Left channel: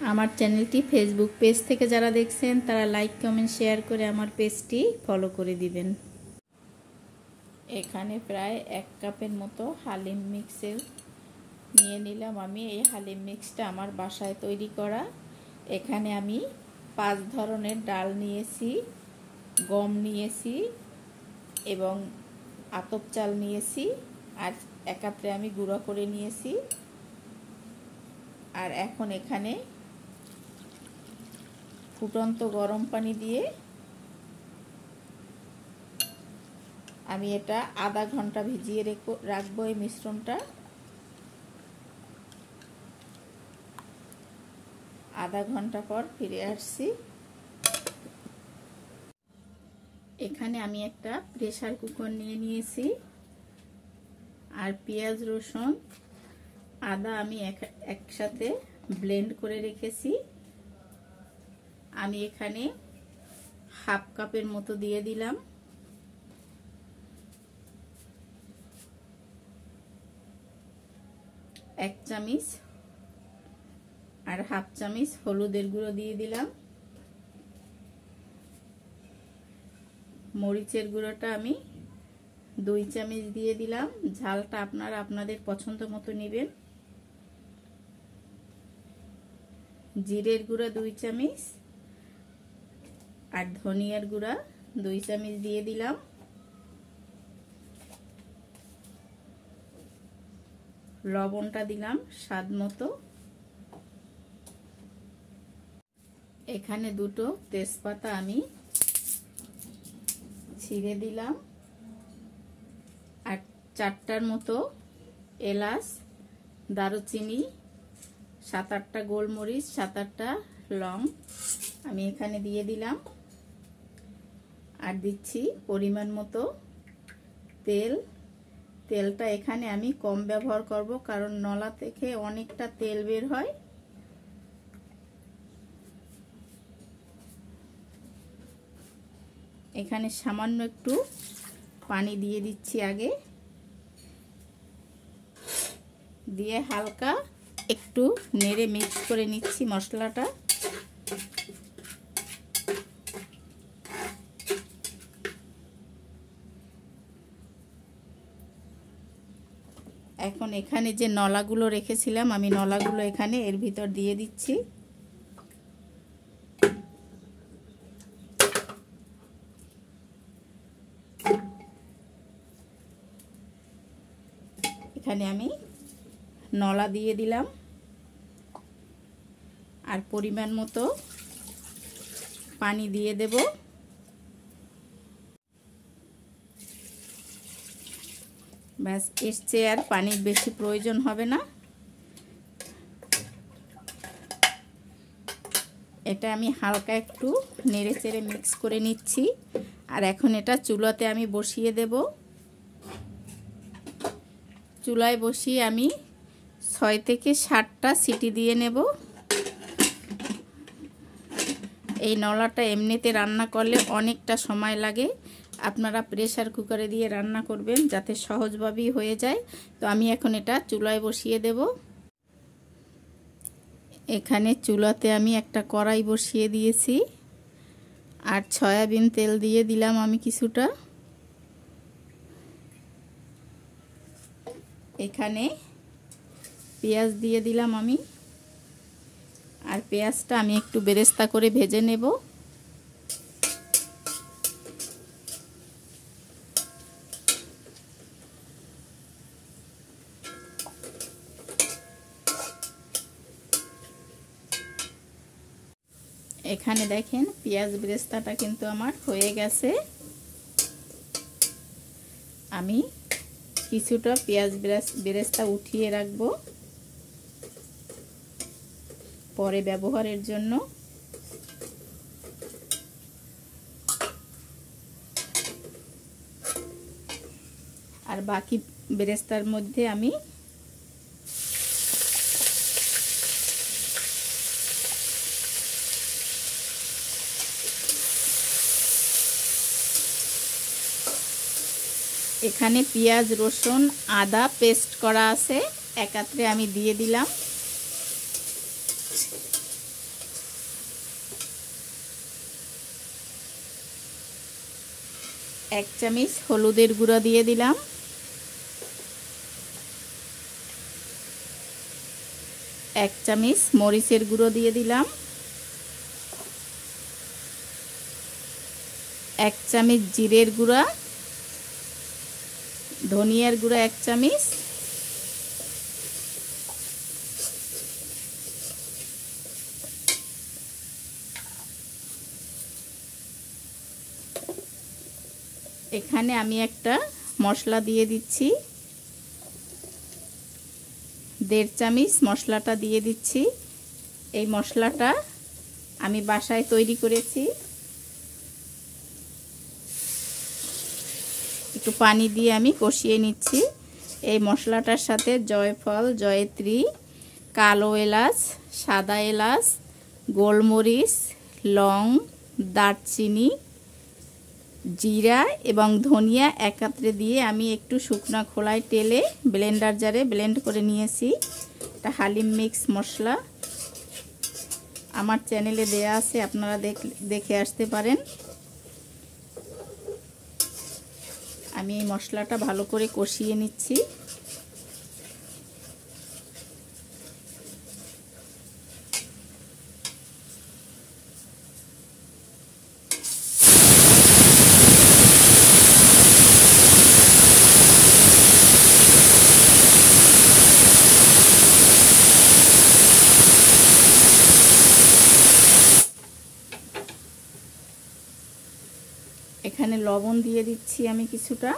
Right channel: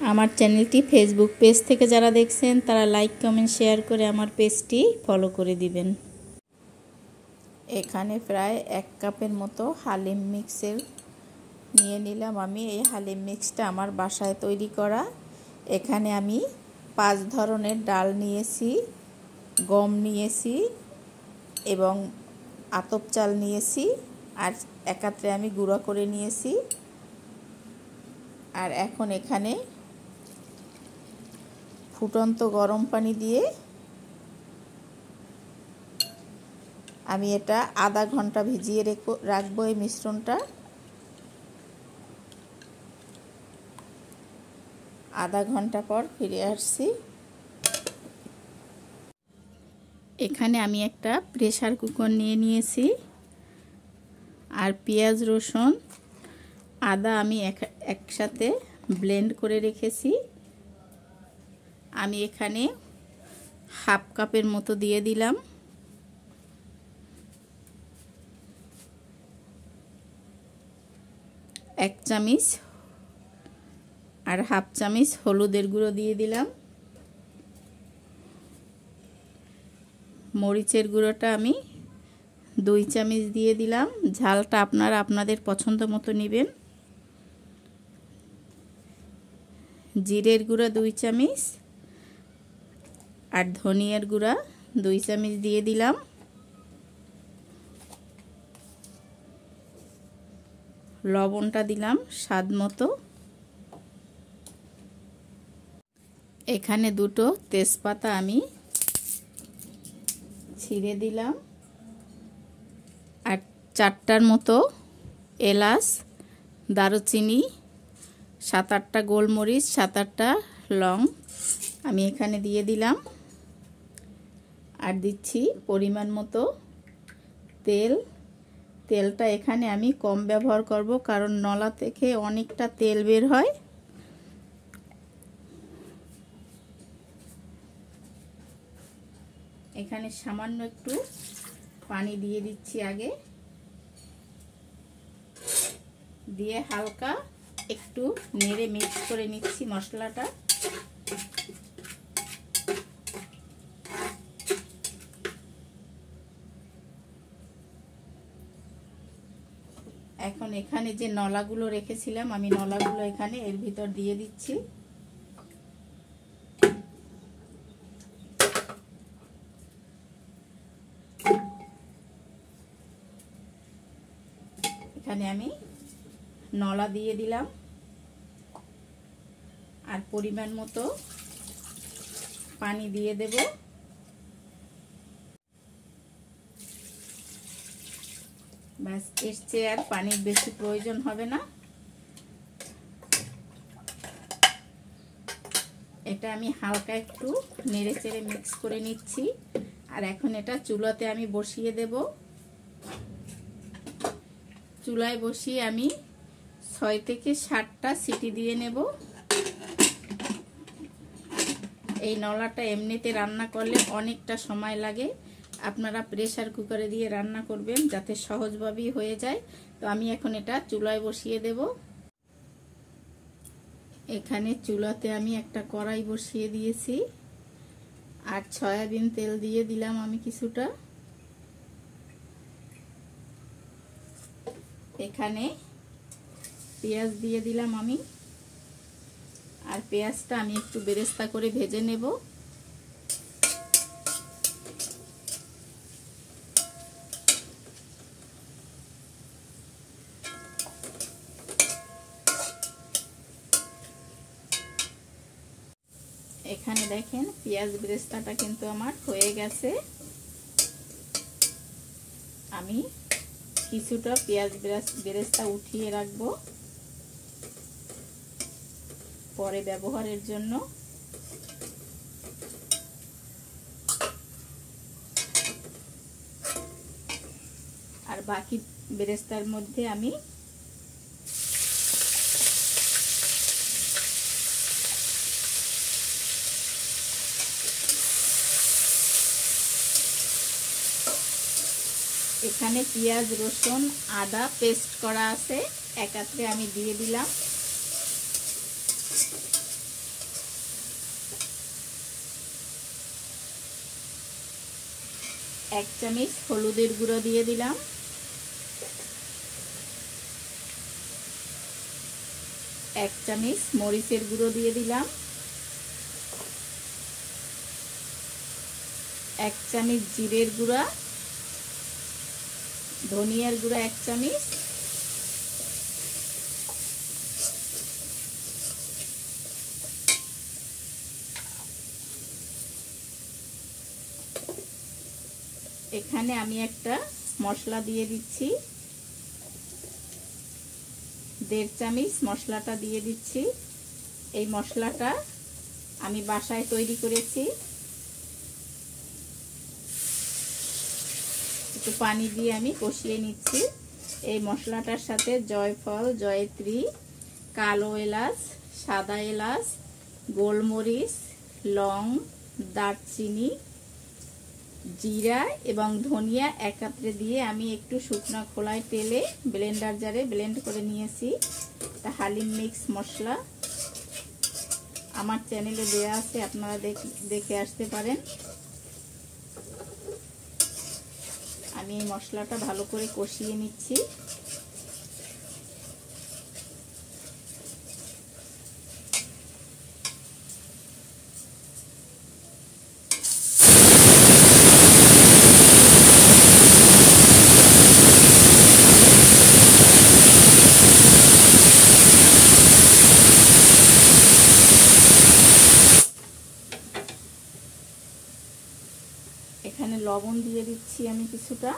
আমার চ্যানেলটি Facebook page থেকে যারা দেখছেন তারা লাইক কমেন্ট শেয়ার করে আমার পেজটি ফলো করে দিবেন। এখানে প্রায় 1 কাপের মতো হালিম মিক্সের নিয়ে নিলাম আমি। এই হালিম মিক্সটা আমার বাসায় তৈরি করা। এখানে আমি 5 ধরনের ডাল নিয়েছি, গম নিয়েছি এবং আতপ চাল নিয়েছি, আর একাত্রে আমি গুঁড়া করে নিয়েছি। আর এখন এখানে ফুটন্ত গরম পানি দিয়ে আমি এটা আধা ঘন্টা ভিজিয়ে রাখবো এই মিশ্রণটা। আধা ঘন্টা পর ফিরে আসছি। এখানে আমি একটা প্রেসার কুকার নিয়ে নিয়েছি, আর পেঁয়াজ রসুন আদা আমি একসাথে ব্লেন্ড করে রেখেছি। আমি এখানে হাফ কাপের মতো দিয়ে দিলাম। এক চামচ আর হাফ চামচ হলুদের গুঁড়ো দিয়ে দিলাম। মরিচের গুঁড়োটা আমি 2 চামচ দিয়ে দিলাম। ঝালটা আপনারা আপনাদের পছন্দ মতো নেবেন। জিরের গুঁড়া 2 চামচ আর ধনিয়ার গুঁড়া 2 চামচ দিয়ে দিলাম। লবণটা দিলাম স্বাদ মতো। এখানে 2টো তেজপাতা আমি ছিঁড়ে দিলাম, আর 4টার মতো এলাচ, দারুচিনি, 7-8টা গোলমরিচ, 7-8টা লং আমি এখানে দিয়ে দিলাম। আর দিচ্ছি পরিমাণ মতো তেল। তেলটা এখানে আমি কম ব্যবহার করব, কারণ নলা থেকে অনেকটা তেল বের হয়। এখানে সামান্য একটু পানি দিয়ে দিচ্ছি আগে, দিয়ে হালকা একটু নেড়ে মিক্স করে নিচ্ছি মশলাটা। এখন এখানে যে নলাগুলো রেখেছিলাম আমি নলাগুলো এখানে এর ভিতর দিয়ে দিচ্ছি। এখানে আমি নলা দিয়ে দিলাম, আর পরিমাণ মতো পানি দিয়ে দেব। ব্যাস, এর চেয়ে আর পানির বেশি প্রয়োজন হবে না। এটা আমি হালকা একটু নেড়ে চেড়ে মিক্স করে নিচ্ছি। আর এখন এটা চুলাতে আমি বসিয়ে দেব। চুলায় বসিয়ে আমি 6 থেকে 7টা সিটি দিয়ে নেব। এই নলাটা এমনিতে রান্না করলে অনেকটা সময় লাগে। আপনারা প্রেসার কুকারে দিয়ে রান্না করবেন যাতে সহজভাবেই হয়ে যায়। তো আমি এখন এটা চুলায় বসিয়ে দেব। এখানে চুলাতে আমি একটা কড়াই বসিয়ে দিয়েছি, আর সয়াবিন তেল দিয়ে দিলাম আমি কিছুটা। এখানে পেঁয়াজ দিয়ে দিলাম আমি, আর পেঁয়াজটা আমি একটু বেরেস্তা করে ভেজে নেব। এখানে দেখেন পেঁয়াজ বেরেস্তাটা কিন্তু আমার হয়ে গেছে। আমি কিছুটা পেঁয়াজ বেরেস্তা উঠিয়ে রাখবো পরে ব্যবহারের জন্য। আর বাকি বেরেস্তার মধ্যে আমি এখানে পেঁয়াজ রসুন আদা পেস্ট করা আছে, একাত্রে আমি দিয়ে দিলাম। 1 চামচ হলুদের গুঁড়া দিয়ে দিলাম, 1 চামচ মরিচের গুঁড়ো দিয়ে দিলাম, 1 চামচ জিরের গুঁড়া, ধনিয়ার গুঁড়া 1 চামচ, এখানে আমি একটা মশলা দিয়ে দিচ্ছি, 1.5 চামচ মশলাটা দিয়ে দিচ্ছি। এই মশলাটা আমি বাসায় তৈরি করেছি। একটু পানি দিয়ে আমি কষিয়ে নিচ্ছি। এই মশলাটার সাথে জয়ফল, জয়ত্রী, কালো এলাচ, সাদা এলাচ, গোলমরিচ, লং, দারচিনি, জিরা এবং ধনিয়া একত্রে দিয়ে আমি একটু শুকনো খোলায় তেলে ব্লেন্ডার জারে ব্লেন্ড করে নিয়েছি। এটা হালিম মিক্স মশলা, আমার চ্যানেলে দেয়া আছে, আপনারা দেখে আসতে পারেন। আমি এই মশলাটা ভালো করে কষিয়ে নিচ্ছি। এখানে লবণ দিয়ে দিচ্ছি আমি কিছুটা,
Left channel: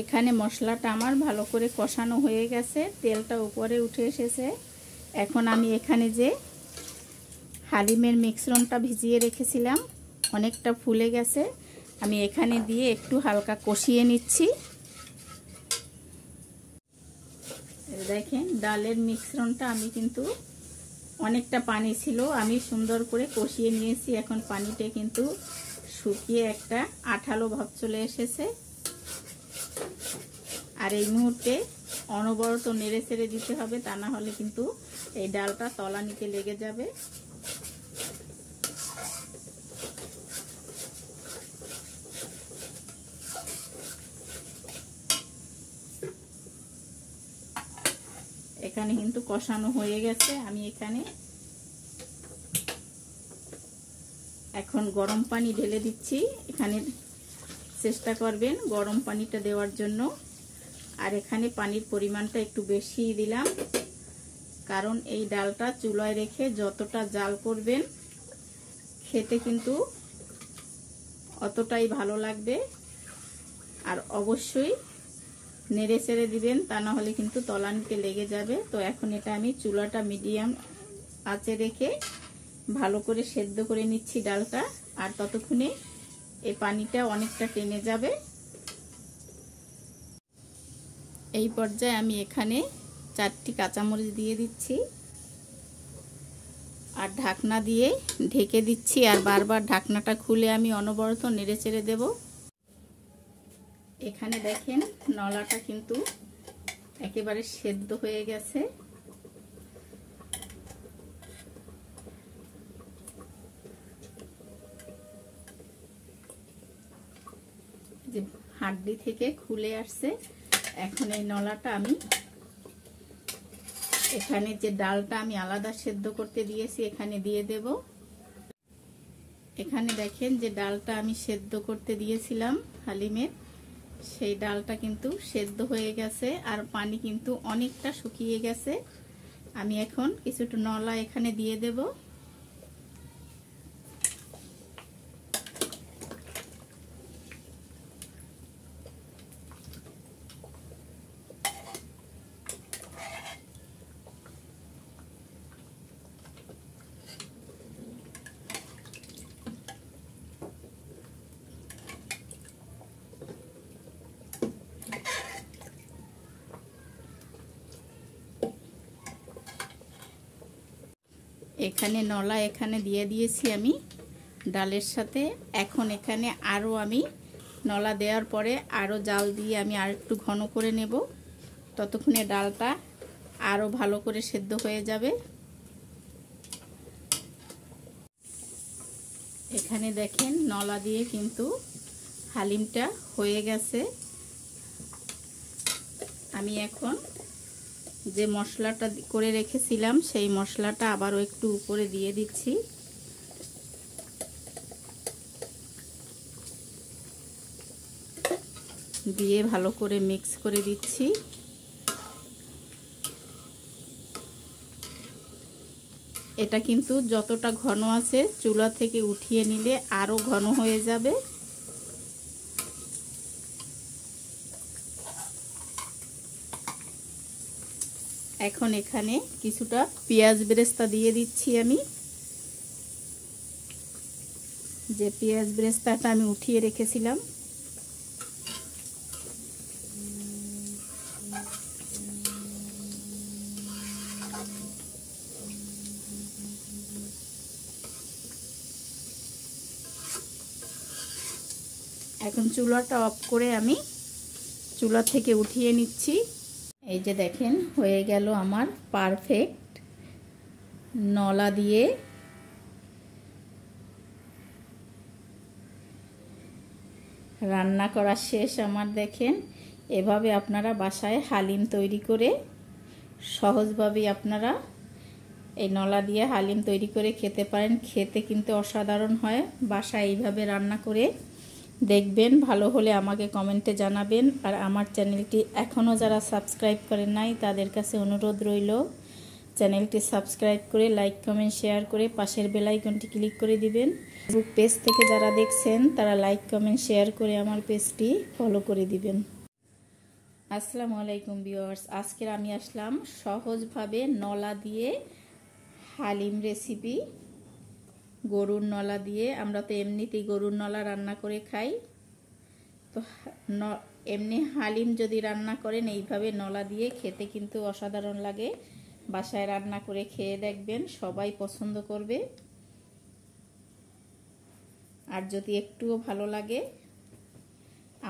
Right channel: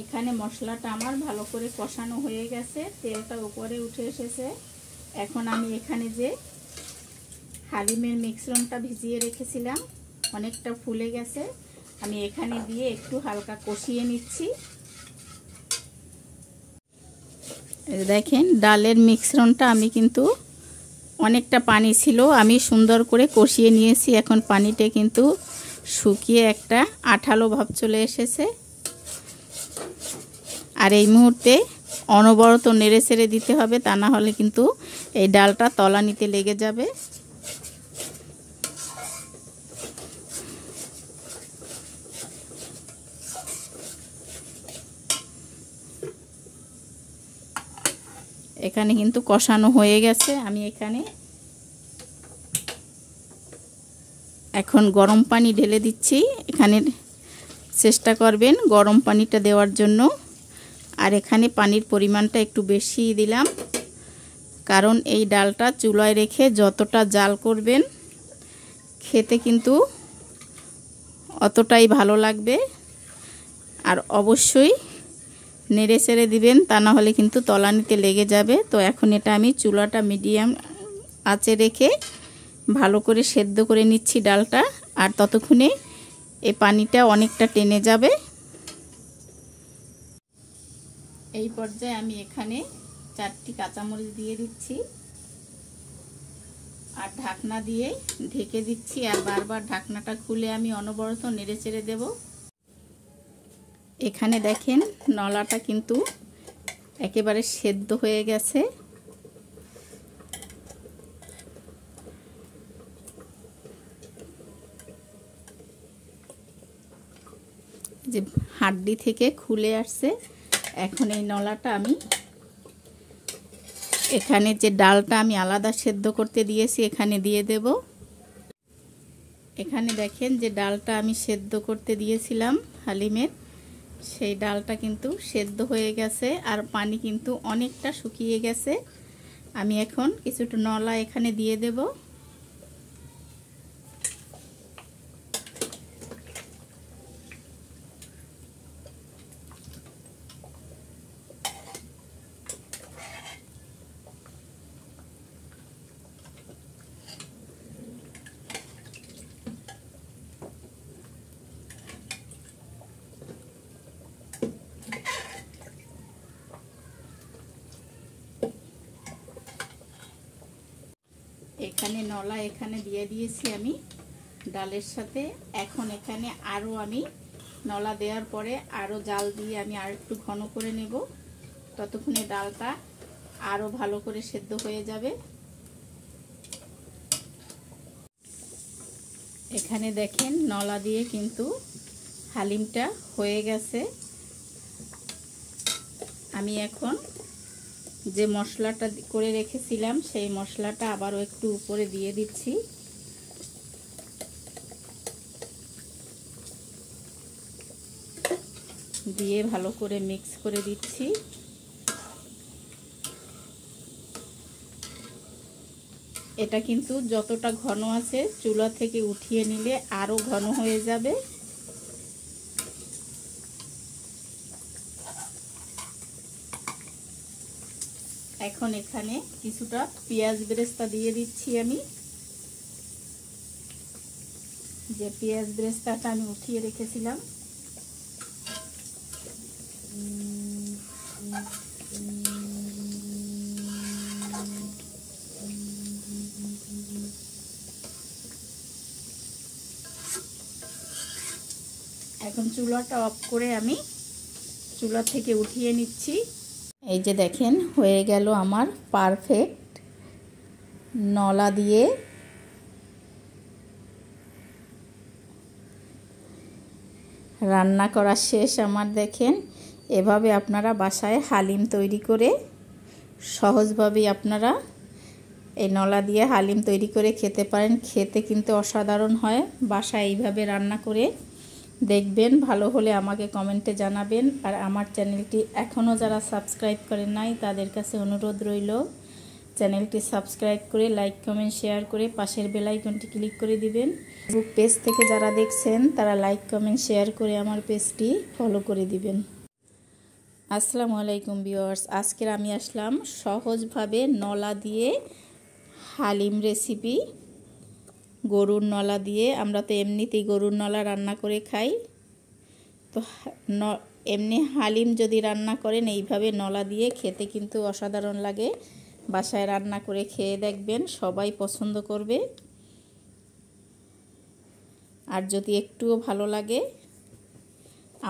এখানে মশলাটা আমার ভালো করে কষানো হয়ে গেছে, তেলটা উপরে উঠে এসেছে। এখন আমি এখানে যে হালিমের মিশ্রণটা ভিজিয়ে রেখেছিলাম অনেকটা ফুলে গেছে, আমি এখানে দিয়ে একটু হালকা কষিয়ে নিচ্ছি। দেখেন ডালের মিশ্রণটা আমি কিন্তু অনেকটা পানি ছিল, আমি সুন্দর করে কষিয়ে নিয়েছি। এখন পানিটা কিন্তু শুকিয়ে একটা আঠালো ভাব চলে এসেছে। আর এই মুহূর্তে অনবরত নেড়ে ছেড়ে দিতে হবে, তা না হলে কিন্তু এই ডালটা তলানিতে লেগে যাবে। এখানে কিন্তু কষানো হয়ে গেছে। আমি এখানে এখন গরম পানি ঢেলে দিচ্ছি। এখানে চেষ্টা করবেন গরম পানিটা দেওয়ার জন্য। আর এখানে পানির পরিমাণটা একটু বেশি দিলাম, কারণ এই ডালটা চুলায় রেখে যতটা জাল করবেন খেতে কিন্তু অতটাই ভালো লাগবে। আর অবশ্যই নেড়ে চেড়ে দিবেন, তা না হলে কিন্তু তলানিতে লেগে যাবে। তো এখন এটা আমি চুলাটা মিডিয়াম আঁচে রেখে ভালো করে সেদ্ধ করে নিচ্ছি ডালটা। আর ততক্ষণে এই পানিটা অনেকটা টেনে যাবে। এই পর্যায়ে আমি এখানে 4টি কাঁচামরিচ দিয়ে দিচ্ছি আর ঢাকনা দিয়ে ঢেকে দিচ্ছি। আর বারবার ঢাকনাটা খুলে আমি অনবরত নেড়ে চেড়ে দেব। এখানে দেখেন নলাটা কিন্তু একেবারে সেদ্ধ হয়ে গেছে। যে হাড্ডি থেকে খুলে আসছে। এখন এই নলাটা আমি এখানে যে ডালটা আমি আলাদা সেদ্ধ করতে দিয়েছি এখানে দিয়ে দেব। এখানে দেখেন যে ডালটা আমি সেদ্ধ করতে দিয়েছিলাম হালিমের, সেই ডালটা কিন্তু সেদ্ধ হয়ে গেছে আর পানি কিন্তু অনেকটা শুকিয়ে গেছে। আমি এখন কিছুটা নলা এখানে দিয়ে দেব। এখানে নলা এখানে দিয়ে দিয়েছি আমি ডালের সাথে। এখন এখানে আরও আমি নলা দেওয়ার পরে আরও জাল দিয়ে আমি আর একটু ঘন করে নেব। ততক্ষণে ডালটা আরও ভালো করে সেদ্ধ হয়ে যাবে। এখানে দেখেন নলা দিয়ে কিন্তু হালিমটা হয়ে গেছে। আমি এখন যে মশলাটা করে রেখেছিলাম সেই মশলাটা আবারও একটু উপরে দিয়ে দিচ্ছি। দিয়ে ভালো করে মিক্স করে দিচ্ছি। এটা কিন্তু যতটা ঘন আছে চুলা থেকে উঠিয়ে নিলে আরো ঘন হয়ে যাবে। এখন এখানে কিছুটা পেঁয়াজ বেরেস্তা দিয়ে দিচ্ছি। আমি যে পেঁয়াজ বেরেস্তাটা আমি উঠিয়ে রেখেছিলাম এখন চুলাটা অফ করে আমি চুলা থেকে উঠিয়ে নিচ্ছি। এই যে দেখেন হয়ে গেল আমার পারফেক্ট নলা দিয়ে রান্না করা শেষ আমার। দেখেন এভাবে আপনারা বাসায় হালিম তৈরি করে সহজভাবে আপনারা এই নলা দিয়ে হালিম তৈরি করে খেতে পারেন। খেতে কিন্তু অসাধারণ হয়। বাসায় এইভাবে রান্না করে দেখবেন, ভালো হলে আমাকে কমেন্টে জানাবেন। আর আমার চ্যানেলটি এখনও যারা সাবস্ক্রাইব করেন নাই তাদের কাছে অনুরোধ রইল চ্যানেলটি সাবস্ক্রাইব করে লাইক কমেন্ট শেয়ার করে পাশের বেল আইকনটি ক্লিক করে দিবেন। ফেসবুক পেজ থেকে যারা দেখছেন তারা লাইক কমেন্ট শেয়ার করে আমার পেজটি ফলো করে দিবেন। আসসালামু আলাইকুম ভিউয়ার্স, আজকের আমি আসলাম সহজভাবে নলা দিয়ে হালিম রেসিপি। গরুর নলা দিয়ে, আমরা তো এমনিতেই গরুর নলা রান্না করে খাই, তো এমনি হালিম যদি রান্না করেন এইভাবে নলা দিয়ে খেতে কিন্তু অসাধারণ লাগে। বাসায় রান্না করে খেয়ে দেখবেন, সবাই পছন্দ করবে। আর যদি একটুও ভালো লাগে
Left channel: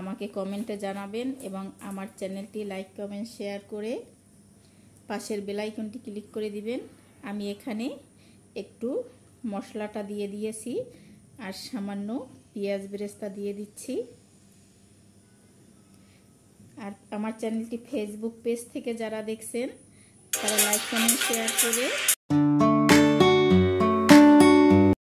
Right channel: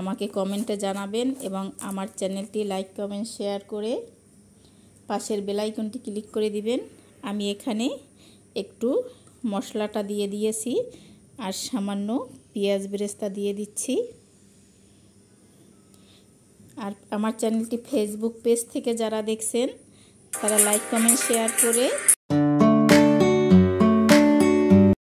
আমাকে কমেন্টে জানাবেন এবং আমার চ্যানেলটি লাইক কমেন্ট শেয়ার করে পাশের বেল আইকনটি ক্লিক করে দিবেন। আমি এখানে একটু মশলাটা দিয়ে দিয়েছি আর সামান্য পেঁয়াজ বেরেস্তা দিয়ে দিচ্ছি। আর আমার চ্যানেলটি ফেসবুক পেজ থেকে যারা দেখছেন তারা লাইক কমেন্ট শেয়ার করে